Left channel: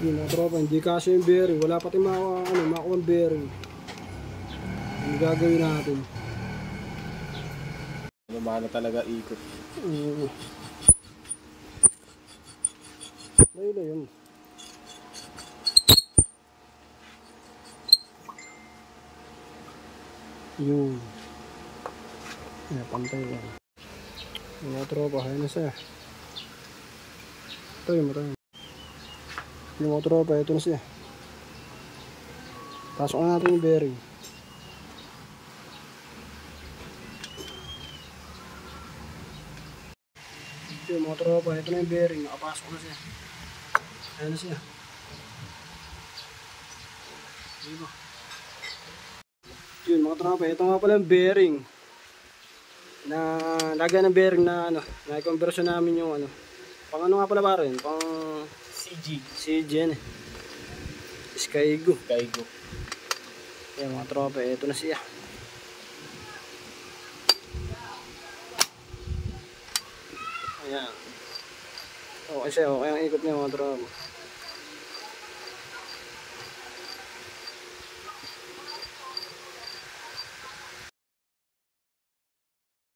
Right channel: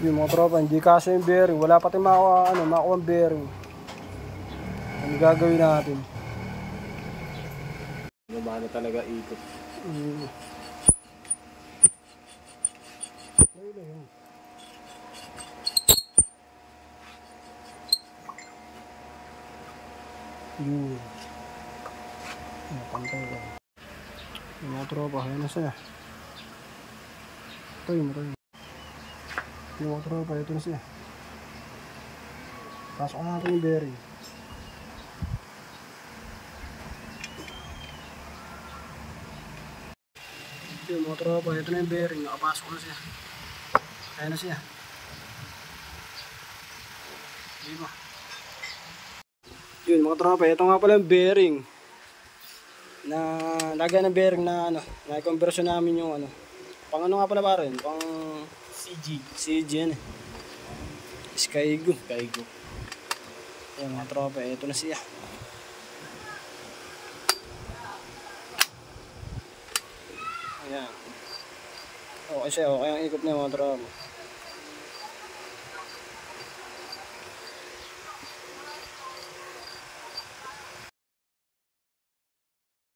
Yung mga tropa, hindi kasi yung bearing. Wala pati makuha ang bearing. Ano gagawin natin? Ano talaga ikot. Layo na yun. Yun. Pantay yun. Yung mga tropa, ayun na siya. Tayo mo tayo. Yung mga tropa, ito na siya. Pasok na natin yung bearing. Yung mga tropa, ito na yung bearing. Nakapasok na siya. Ayun na siya. Diba? Yun mga tropa, ito nga pala yung bearing. Na lagyan ng bearing na na-conversion namin yung pang nga pala pa rin? Pang CG yan eh. Skygo. Yan mga tropa, ito na siya. Ayan. Okay siya, okay ang ikot niya mga tropa.